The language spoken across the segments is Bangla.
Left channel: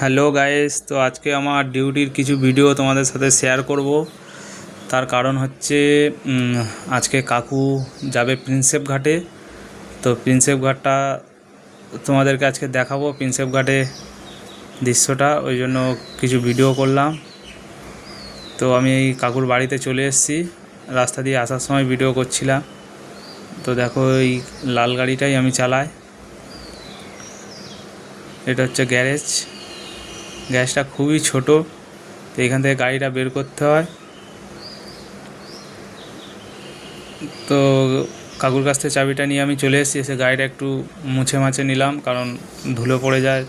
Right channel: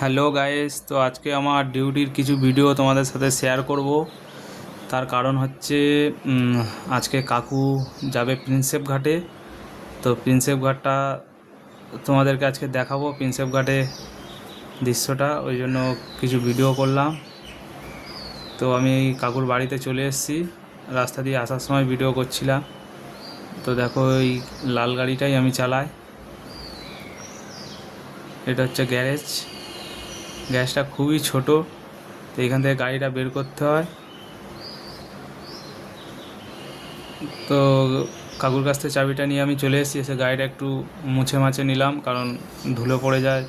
হ্যালো গাইস তো আজকে আমার ডিউটির কিছু ভিডিও তোমাদের সাথে শেয়ার করব। তার কারণ হচ্ছে আজকে কাকু যাবে প্রিন্সেপ ঘাটে। তো প্রিন্সেপ ঘাটটা তোমাদেরকে আজকে দেখাবো প্রিন্সেপ ঘাটে দৃশ্যটা, ওই জন্য কিছু ভিডিও করলাম। তো আমি কাকুর বাড়িতে চলে এসেছি, রাস্তা দিয়ে আসার সময় ভিডিও করছিলাম। তো দেখো এই লাল গাড়িটাই আমি চালাই। এটা হচ্ছে গ্যারেজ। গ্যাসটা খুবই ছোট, তো এখান থেকে গাড়িটা বের করতে হয়। তো কাকুর কাছ থেকে চাবিটা নিয়ে আমি চলে এসেছি, এসে গাড়িটা একটু মুছে মাছে নিলাম, কারণ ধুলো পড়ে যায়।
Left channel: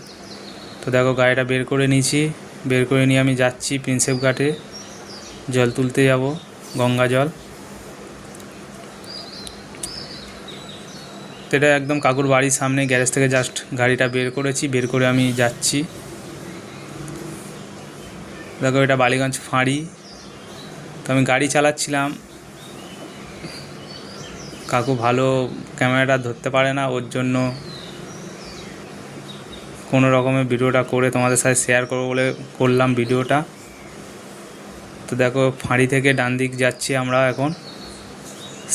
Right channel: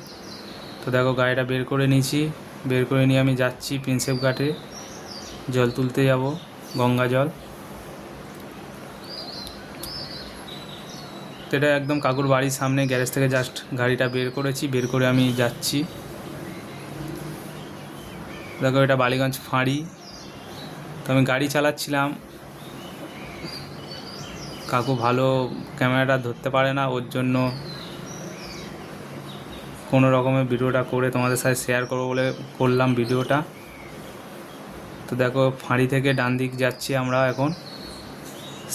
তো দেখো গাড়িটা বের করে নিয়েছি, বের করে নিয়ে আমি যাচ্ছি প্রিন্সেপ ঘাটে। জল তুলতে যাব, গঙ্গা জল। এটা একদম কাকুর বাড়ির সামনে, গ্যারেজ থেকে জাস্ট গাড়িটা বের করেছি, বের করে আমি যাচ্ছি। দেখো এটা বালিগঞ্জ ফাঁড়ি। তো আমি গাড়ি চালাচ্ছিলাম। কাকু ভালো ক্যামেরাটা ধরতে পারে না, ওর জন্য কোনো রকমের ভিডিওটা করে তোমাদের সাথে শেয়ার করব বলে করলাম ভিডিওটা। তো দেখো, ফাঁড়ি থেকে ডান দিক যাচ্ছি আমরা এখন।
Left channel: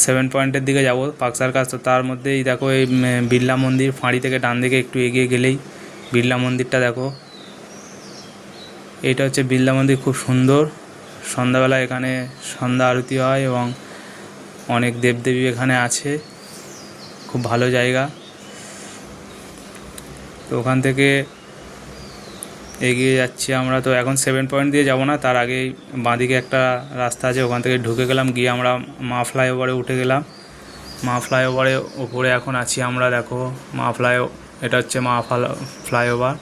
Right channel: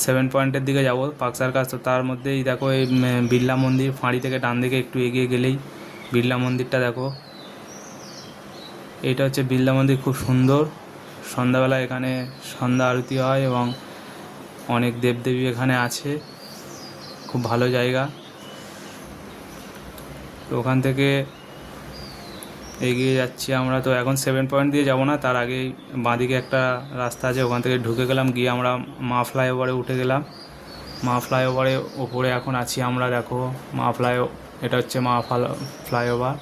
সেভেন পয়েন্টের দিকে যাব পাকসার কাছ তো তার মধ্যেই দেখো, এই বিড়লা মন্দির ফাঁড়ি থেকে ডান দিকে একটু এগিয়ে গেলেই বিড়লা মন্দিরটা দেখো। এটা হচ্ছে বিড়লা মন্দির, খুব সুন্দর। সন্ধ্যাবেলা এখানে সন্ধ্যা আরতি হয় এবং অনেক দেবদেবী এখানে আছে। খুব ভালো জায়গা। তো ওখান থেকে এগিয়ে যাচ্ছি আমরা। তো এখন সেভেন পয়েন্ট দিয়ে যাব না, তার আগেই বাঁদিকে একটা রাস্তা আছে, ওখান থেকে ঢুকে গেলাম, গিয়ে আমরা মা ফ্লাইওভারে উঠে গেলাম। মা ফ্লাইওভারে ওপরে এখন আছি আমরা, দেখো। মা ফ্লাই এটা হচ্ছে মা ফ্লাইওভার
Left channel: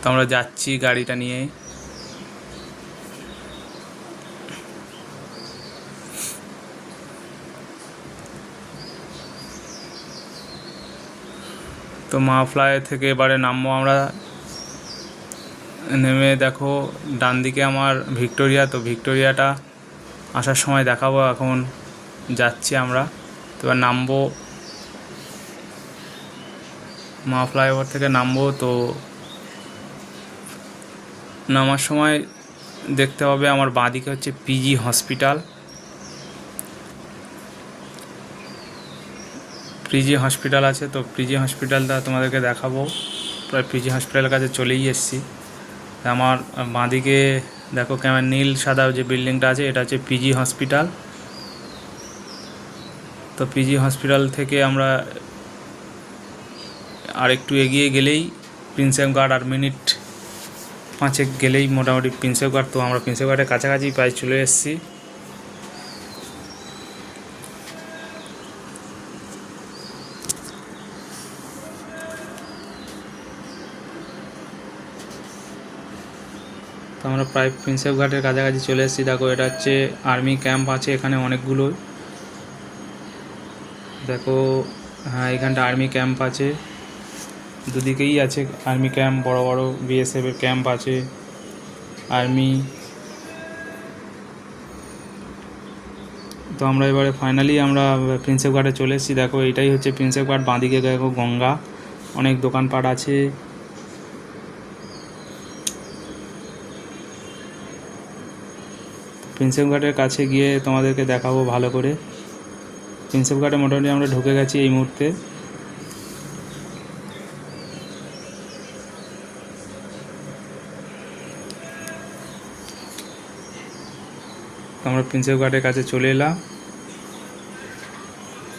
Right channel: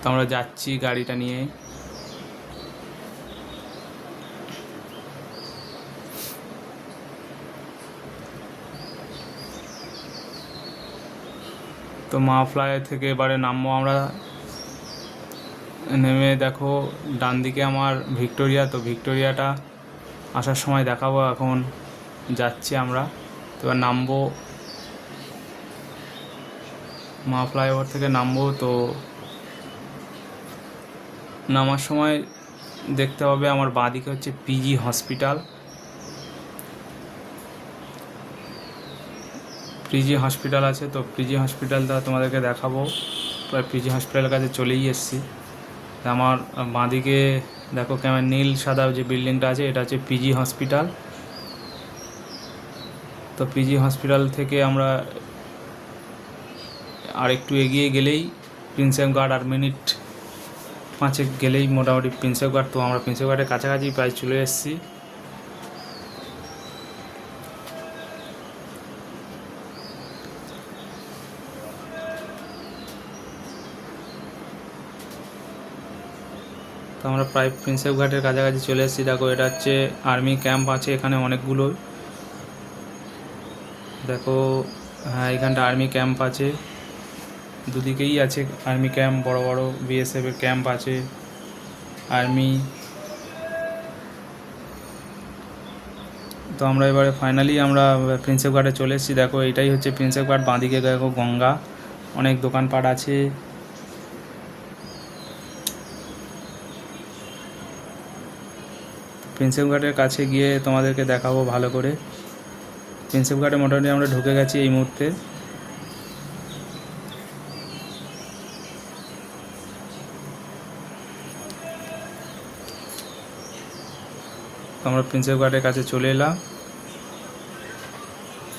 তো আমরা যাচ্ছি গাড়িটা নিয়ে। তো মা ফ্লাই থেকে এবারে নামবো আমরা। নেমে দেখো ডান দিকে আমার ভিক্টোরিয়া, তো ভিক্টোরিয়াটা আসার সময় দেখাবো এখন। যাচ্ছি আমরা। তো এবার নামবো। মা ফ্লাইওভার থেকে নামবো, তো নামার সময় দেখতে হবে আমার বাঁদিকে হচ্ছে পিজি হসপিটাল পিজি হসপিটাল আছে, তো পিজি হসপিটালটা তোমাদেরকে দেখাবো। প্রায় পিজি হসপিটালের কাছে চলেই এসেছি। আমার বাঁদিকে দেখো কেমন নীল সাদা যে বিল্ডিংটা আছে, এটা হচ্ছে পিজি হসপিটাল তো পিজি হসপিটাল থেকে আমরা আর একটু এগিয়ে গেলেই প্রিন্সেপ গার্ড আর মিনিট পাঁচেক গেলেই মোটামুটি প্রিন্সেপ গার্ড তো আমরা প্রিন্সেপ গার্ডের কাছাকাছি প্রায় চলে এসেছি। তো আমরা প্রায় প্রিন্সেপ ঘাটের কাছাকাছি চলে এসেছি। দেখো, এটা হচ্ছে আর্মি ক্যাম্প আছে এখানে অনেকগুলো দেখো হ্যাঁ এখানটা আর্মি ক্যাম্প আছে। দুদিকেই আছে। আর্মি ক্যাম্প বড় বড় বিএসএফ এর ক্যাম্প আছে। আর্মি তো আমরা এবারে ফাইনালি আমরা প্রিন্সেপ ঘাটে চলে এসেছি। দেখো, এটাই হচ্ছে প্রিন্সেপ ঘাট বাঁদিকে দেখো গঙ্গা। অনেক দোকানপাট আছে। প্রিন্সেপ ঘাটের কাছে গিয়ে তোমাদেরকে দেখাবো ভালো করে। প্রিন্সেপ ঘাটে মোটামুটি আমরা ঢুকে গেছি এই মুহূর্তে। আমরা প্রিন্সেপ ঘাটের কাছে চলে এলাম।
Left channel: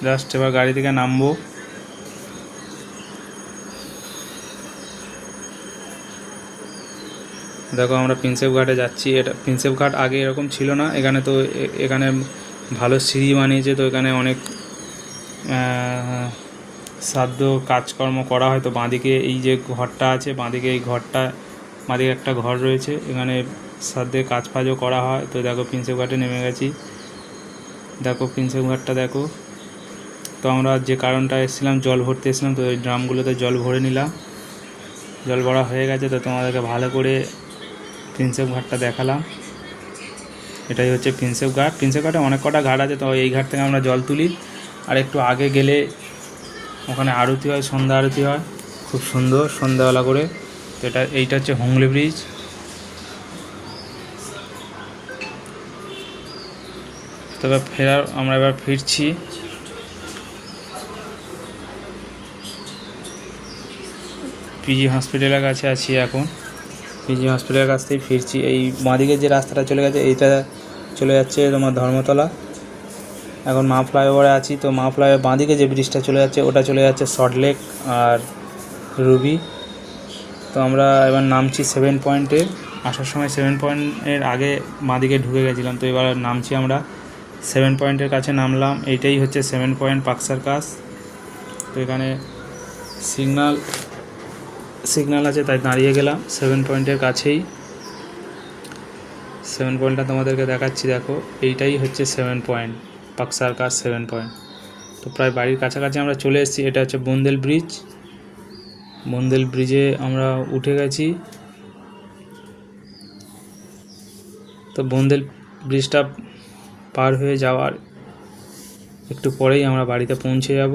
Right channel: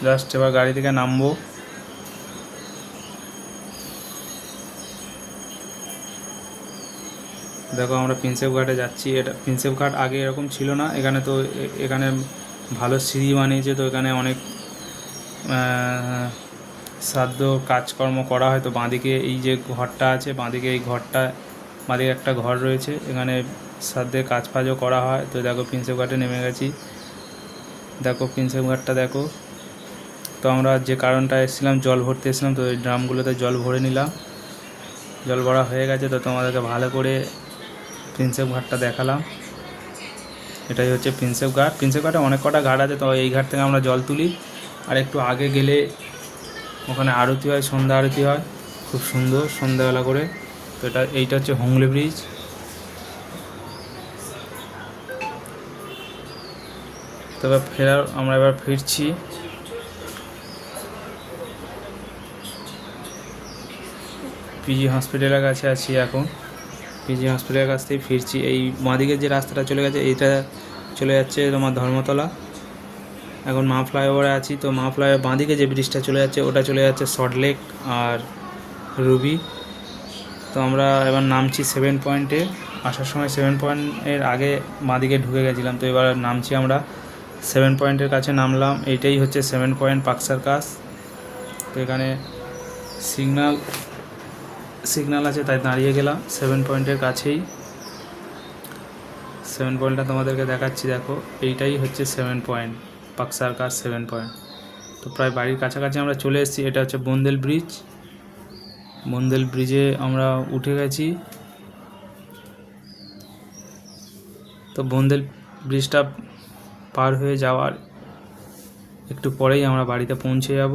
জাস্ট এবার গাড়ি থেকে নামবো। দেখো আমরা প্রিন্সেপ ঘাটে যাচ্ছি। এটা প্রিন্সেপ ঘাট আগে এরকম ছিল না। এখানে তো এখানে ভালো সিঁড়ি বানিয়েছে, তো এখানে অনেক সাধ্য কাজকর্ম করা হয়। তো বাঁদিকে এই যে ঘরটা আছে, বাঁদিকে এই ঘরটা, বাঁদিকে একটা ঘর রয়েছে। এখানে সাধ্যে কাজ ফাজও করা হয়। তো দেখো প্রিন্সেপ ঘাটে নেমে গেছি। দেখো প্রিন্সেপ ঘাটটা দেখো। তো আমরা যে কারণটা এসেছিলাম, জল ভরতে এসেছিলাম, তো এই ড্রামগুলোতে জল ভরে নিলাম। জল ভরা হয়ে গেছে, তো তোমাদেরকে ভালো করে প্রিন্সেপ ঘাটটা দেখালাম। এটাই হচ্ছে প্রিন্সেপ ঘাট প্রিন্সেপ ঘাটে অনেক কটা ঘাট আছে, তো এই ঘাট থেকে আমরা জল তুলি। আর একটু আগে গেলে ওখানে আরতি হয়, সন্ধ্যা আরতি হয়। খুব সুন্দর সন্ধ্যাবেলা করে। তো এটা, এইটা হচ্ছে হুগলি ব্রিজ। তবে ফেরার, আমরা এবার ফিরছি। পিজি হসপিটালের কাছে আছি এখন। পিজি হসপিটালের কাছ থেকে ফিরছি। এই বাঁদিকে যে রাস্তাটা চলে গেছে, এইটা চলে যাচ্ছে তোমার ধর্মতলা। এখন মা ফ্লাইওভারে আছি, তো মা ফ্লাইওভার বাঁদিকে যে ব্রিজটা চলে যাচ্ছে, ওটা চলে যাচ্ছে সল্টলেক আর রুবি তো আমরা এবার নামছি সেভেন পয়েন্টে আসার সময় সেভেন পয়েন্টের আগে বাঁদিকে ঢুকে গেছিলাম, তো এবার নামছি আমরা। সেভেন পয়েন্টের কাছে নামলাম, এইটাই হচ্ছে সেভেন পয়েন্ট পাক সার্কাস তো এখানে সিগনাল সিগন্যাল আছে, তাই দাঁড়িয়ে গেলাম সেভেন পয়েন্টের কাছেই। সেভেন পয়েন্টটা তোমাদেরকে দেখাচ্ছি, দেখো, এইটাই হচ্ছে seven point Park Circus seven point. তো প্রায় বাড়ির কাছাকাছি আমরা চলে এসেছি, এটা হচ্ছে বন্দেল ব্রিজ। বন্দেল ব্রিজে আমরা উঠে গেছি। তো বন্দেল ব্রিজটা পার হয়ে যাওয়ার একটু পরেই আমরা বাড়িতে পৌঁছে যাব।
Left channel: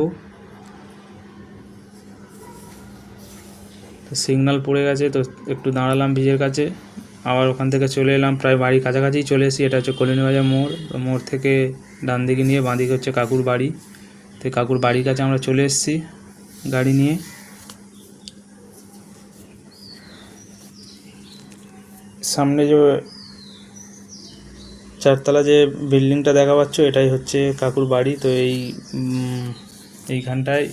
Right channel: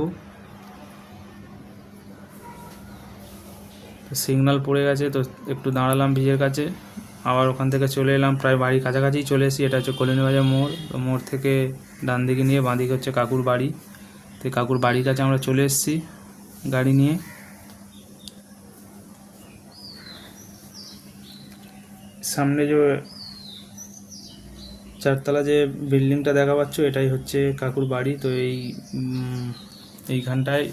সিগনাল পড়ে গেছে তো একটু দাঁড়ালাম ব্রিজের কাছে। আবার ওখান থেকে চলে এলাম, প্রায় বাড়ির কাছাকাছি চলে এসেছি। এটা হচ্ছে কলিনবাজার মোড়। তো মোড় থেকে ডান দিকে নিয়ে বাঁ দিকে হচ্ছে কাকুর বাড়ি। তো কাকুর বাড়ির কাছে আমরা চলে এসেছি গাড়ি নিয়ে। সামনে যে চারতলা যে বিল্ডিংটা দেখা পাচ্ছ এটাই হচ্ছে কাকুর বাড়ি। তো এই এইখানটায়